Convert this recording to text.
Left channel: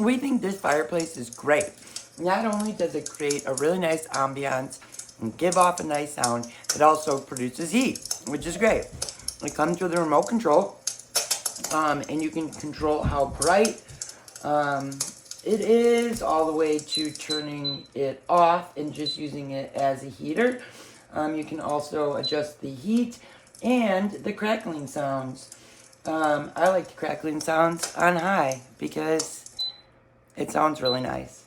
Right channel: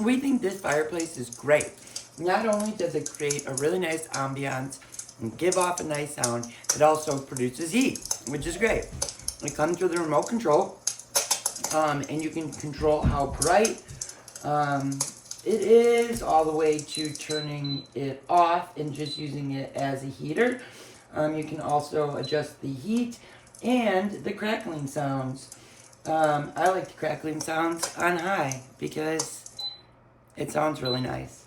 we think this fireplace is great. Not only does it create a really nice ambiance and give off a nice sound, it also produces heat, which is great. It comes with a remote control, and you can control how bright it is, all the way to turning it off and just using it as a heater. You can also adjust the heat and the crackling sounds. I like the crackling sounds on high because it sounds really nice.